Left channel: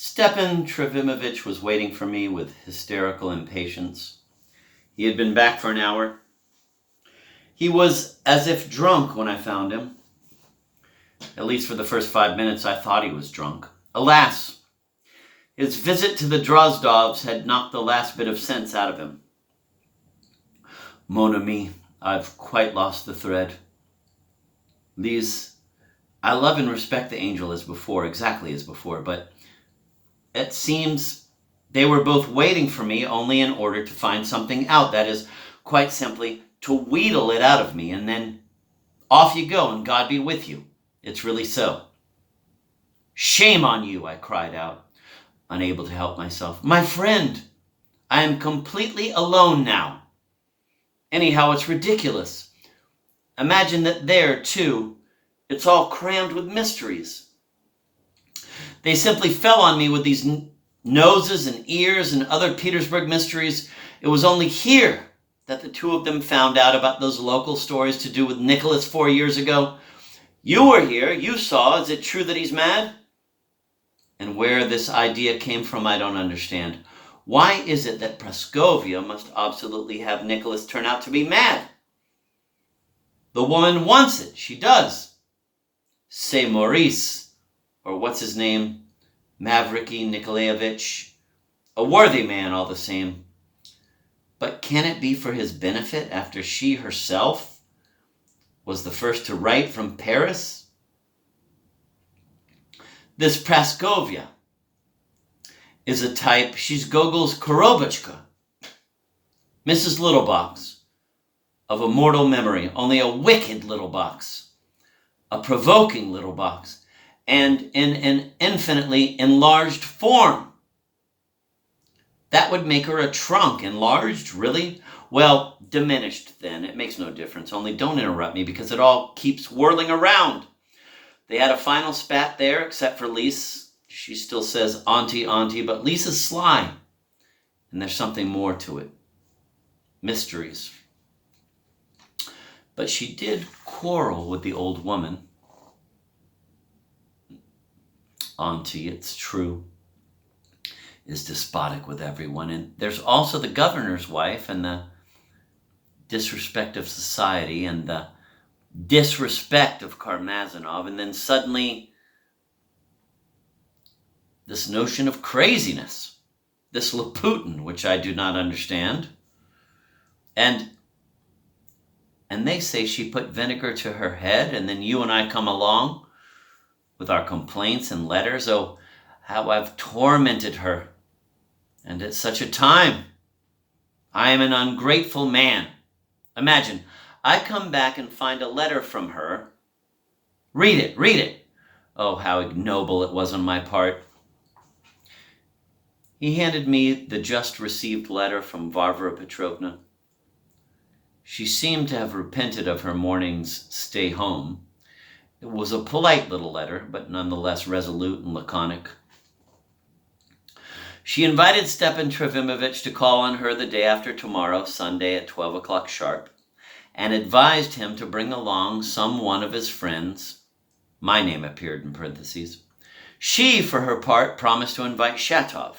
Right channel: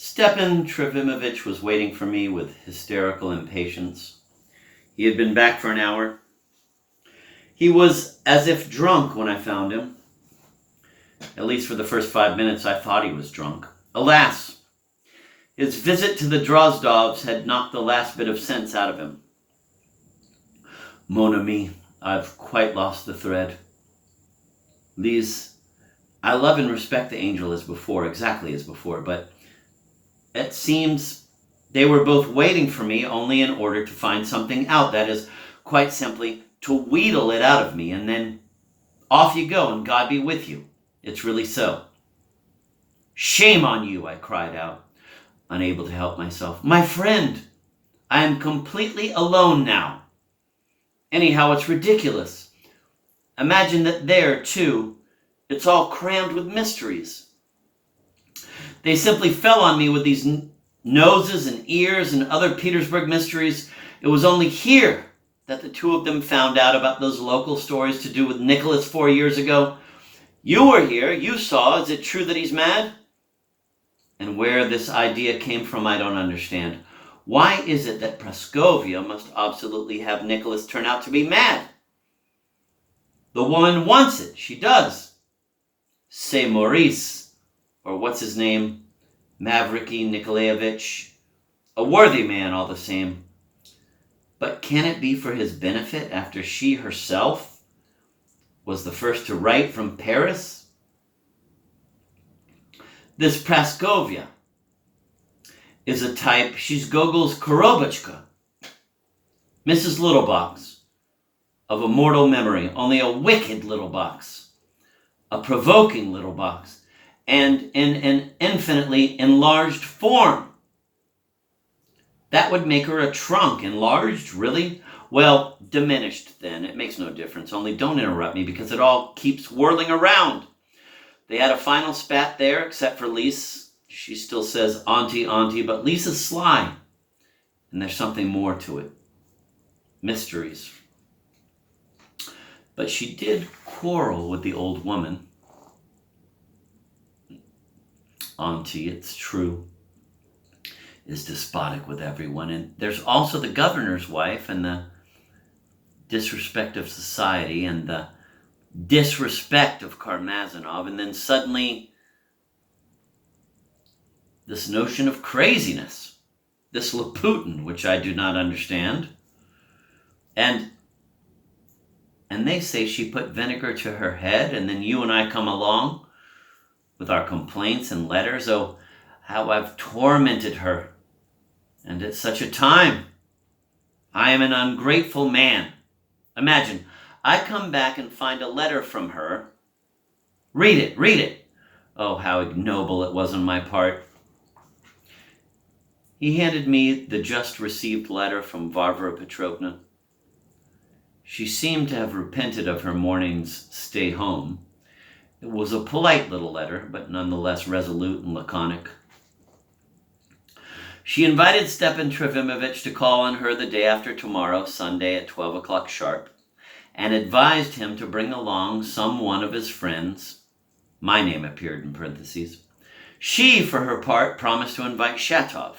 Stepan Trofimovich was waiting for me with hysterical impatience. He had been back for an hour. He was as if drunk when I found him. At least for the first 5 minutes I thought he was drunk. Alas, his visit to the Drozdovs had knocked the last bit of sense out of him. Mon ami, I've quite lost the thread. Lise, I love and respect the angel as before, exactly as before, but it seems they were both waiting for me only in order to find something out. That is, quite simply, to wheedle it out of me, and then off you go, and God be with you. It's really so. Shame on you, I cried out, unable to help myself. My friend, I am completely alone now. Anyhow, it's ridiculous. Imagine that there, too, it's all crammed with mysteries. They simply fell on me with these noses and ears and other Petersburg mysteries. It was only here that the two of them found out about those local stories to do with Nicholas 4 years ago. You were here. You saw. Is it true that he's mad? And where this idea came from, I don't understand. Why is it that Praskovia must absolutely have Nicholas turn out to be mad? The woman wants it. She does. Say Maurice, or what's his name, Mavriky Nikolaevich, a worthy man all the same. But can it be for his benefit after she herself was the first to write from Paris? This Praskovia is a type, she's Gogol's Korobotchka, Mrs. Littlebox, of a mortal memory, only a wicked little box, a provoking little box, and in an infinitely enlarged form. That would make her a trunk. Enlarged, really? Well, diminished then. It makes no difference. Only don't interrupt me because it all keeps whirling around. They had a final spat there, except for Lise. She still says auntie, auntie, but Lisa's sly. And there's something more to it. Mysteries. But she did quarrel with the old woman. Auntie, it's true, is despotic with everyone. And there's also the governor's wife and the disrespect of society and the disrespect of Karmazinov. And then suddenly this notion of craziness, this Laputin, which I do not understand. And they say she put vinegar to her head, and then you and I come along with our complaints and letters. Oh, how I've tormented her. And at such a time, I am an ungrateful man. Imagine, I come back and find a letter from her. Read it. Oh, how ignoble it was on my part. He handed me the just received letter from Varvara Petrovna. She seemed to have repented of her morning's stay home. It was a polite little letter, but nonetheless resolute and laconic. She invited Stepan Trofimovich to call on her the day after tomorrow, Sunday at 12 o'clock sharp, and advised him to bring along some one of his friends. My name appeared in parentheses. She, for her part, promised to invite Shatov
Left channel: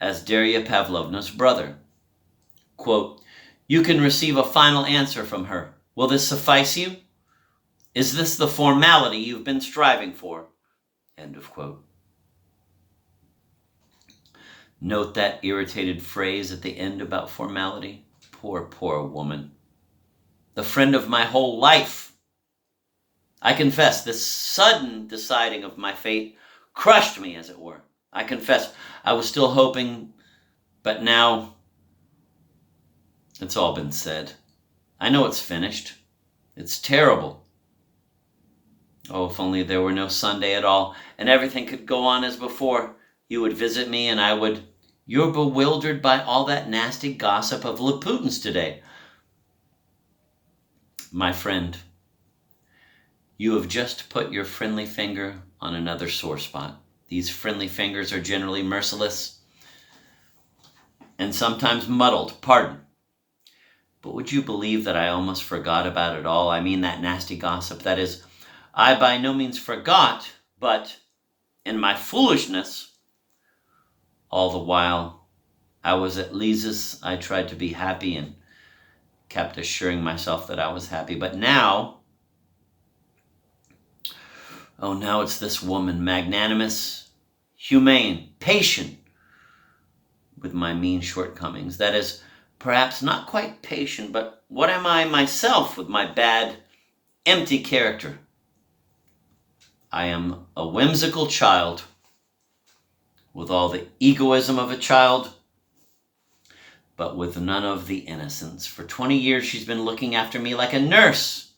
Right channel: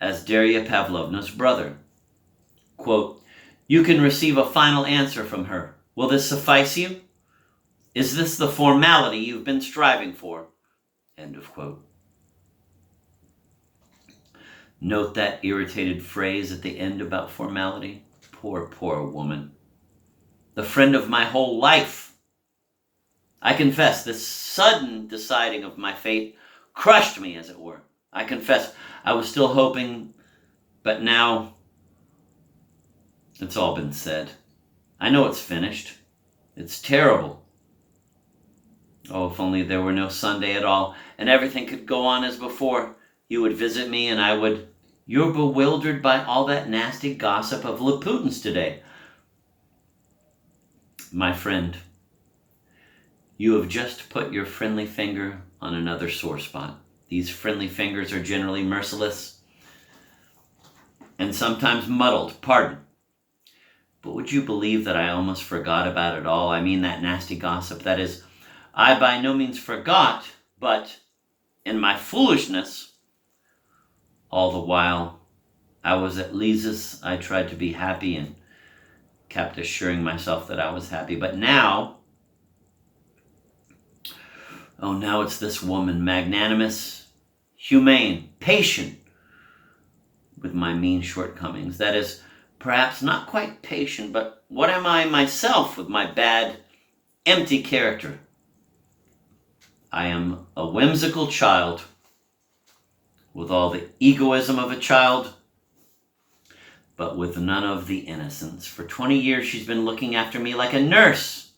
as Darya Pavlovna's brother. Quote, you can receive a final answer from her. Will this suffice you? Is this the formality you've been striving for? End of quote. Note that irritated phrase at the end about formality. Poor woman. The friend of my whole life. I confess, this sudden deciding of my fate crushed me, as it were. I confess, I was still hoping, but now it's all been said. I know it's finished. It's terrible. Oh, if only there were no Sunday at all, and everything could go on as before. You would visit me, and I would... You're bewildered by all that nasty gossip of Laputins today. My friend, you have just put your friendly finger on another sore spot. These friendly fingers are generally merciless and sometimes muddled. Pardon. But would you believe that I almost forgot about it all? I mean that nasty gossip. That is, I by no means forgot, but in my foolishness, All the while I was at Lisa's, I tried to be happy and kept assuring myself that I was happy. But now, now it's this woman, magnanimous, humane, patient with my mean shortcomings. That is, perhaps not quite patient, but what am I myself with my bad, empty character? I am a whimsical child with all the egoism of a child, but with none of the innocence. For 20 years, she's been looking after me like a nurse.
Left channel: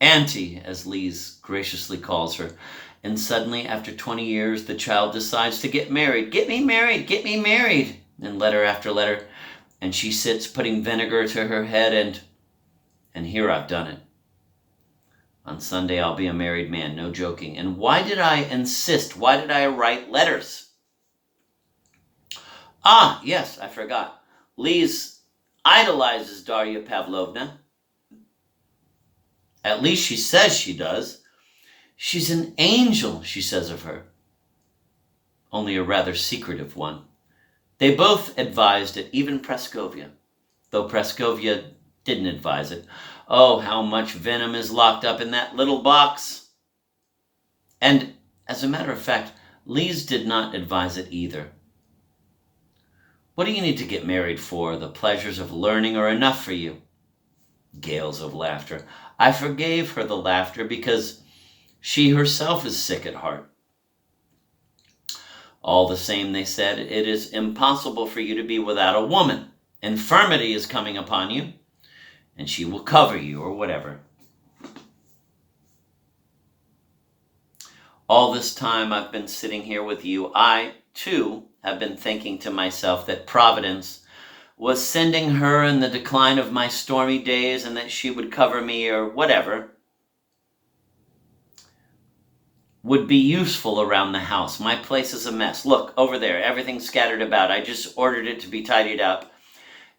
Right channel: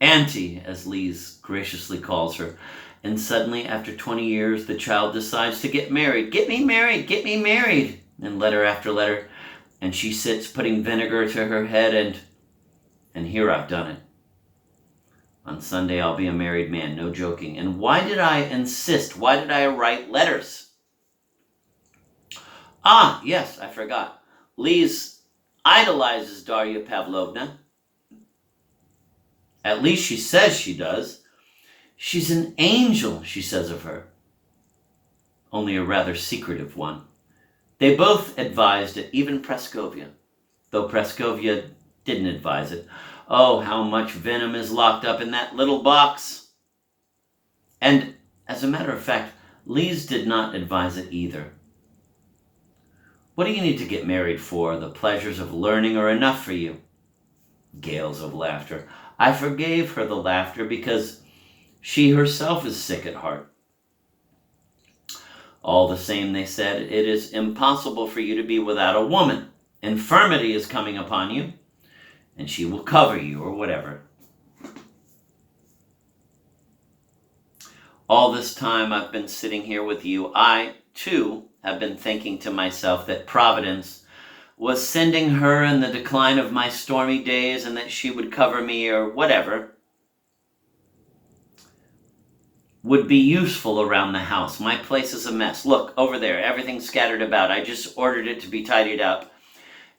Auntie, as Lise graciously calls her. And suddenly, after 20 years, the child decides to get married. Get me married, get me married. And letter after letter. And she sits putting vinegar to her head, and here I've done it. On Sunday, I'll be a married man, no joking. And why did I insist? Why did I write letters? Ah, yes, I forgot. Lise idolizes Darya Pavlovna. At least she says she does. She's an angel, she says of her. Only a rather secretive one. They both advised it, even Praskovia. Though Praskovia didn't advise it. Oh, how much venom is locked up in that little box. And, as a matter of fact, Lise did not advise it either. What do you need to get married for? The pleasures of learning are enough for you. Gales of laughter. I forgave her the laughter because she herself is sick at heart. All the same, they said, it is impossible for you to be without a woman. Infirmity is coming upon you, and she will cover you, or whatever. All this time I've been sitting here with you, I, too, have been thinking to myself that Providence was sending her in the decline of my stormy days, and that she would cover me, or whatever, would be useful around the house. My place is a mess. Look, over there, everything's scattered about. I just ordered it to be tidied up.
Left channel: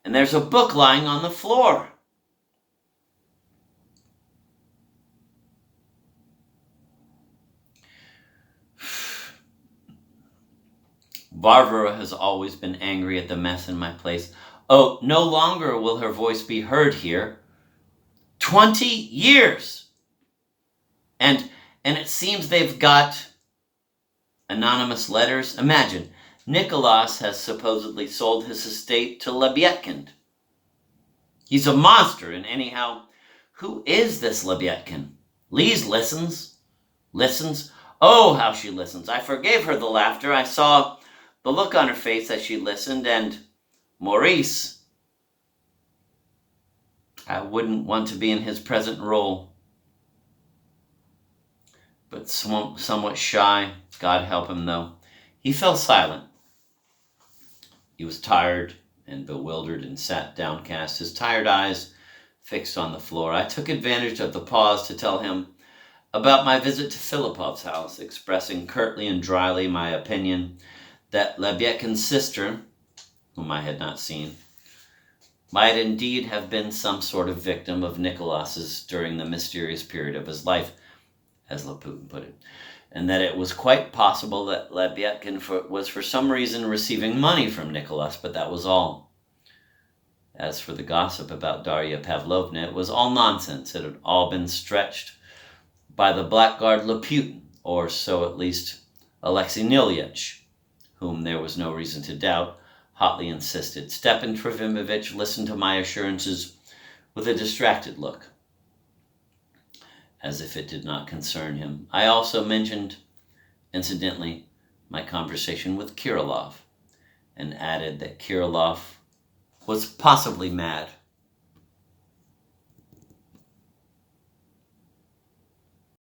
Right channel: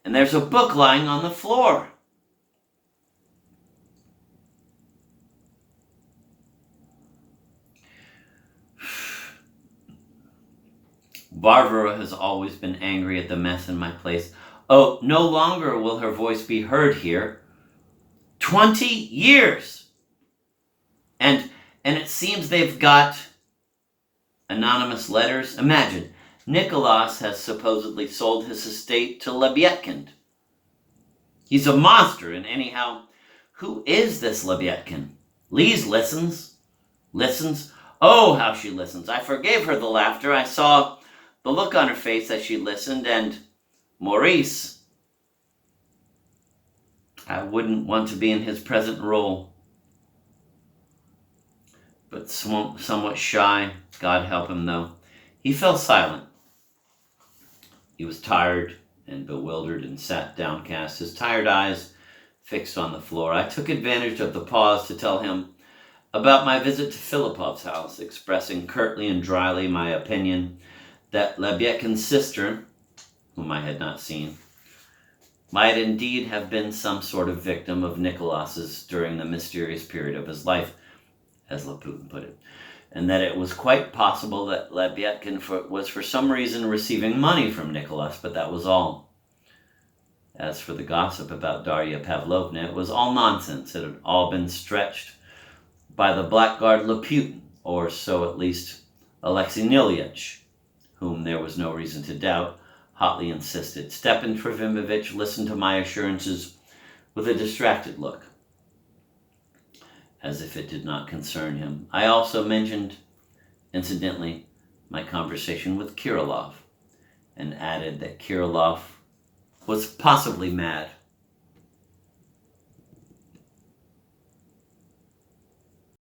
And there's a book lying on the floor. Varvara has always been angry at the mess in my place. Oh, no longer will her voice be heard here. 20 years! And it seems they've got anonymous letters. Imagine, Nicholas has supposedly sold his estate to Lebyadkin. He's a monster, and anyhow, who is this Lebyadkin? Lise listens. Oh, how she listens. I forgave her the laughter. I saw the look on her face as she listened, and Maurice, I wouldn't want to be in his present role. But somewhat shy, God help him though, he fell silent. He was tired and bewildered and sat downcast, his tired eyes fixed on the floor. I took advantage of the pause to tell him about my visit to Filipov's house, expressing curtly and dryly my opinion that Lebyadkin's sister, whom I had not seen, might indeed have been some sort of victim of Nicholas's during the mysterious period of his life, as Laputin put it, and that it was quite possible that Lebyadkin was for some reason receiving money from Nicholas, but that was all. As for the gossip about Darya Pavlovna, it was all nonsense. It had all been stretched by the blackguard Laputin, or so at least Alexei Nilyevich, whom there was no reason to doubt, hotly insisted. Stepan Trofimovich listened to my assurances with a distracted look, as if it did not concern him. I also mentioned, incidentally, my conversation with Kirillov, and added that Kirillov was possibly mad.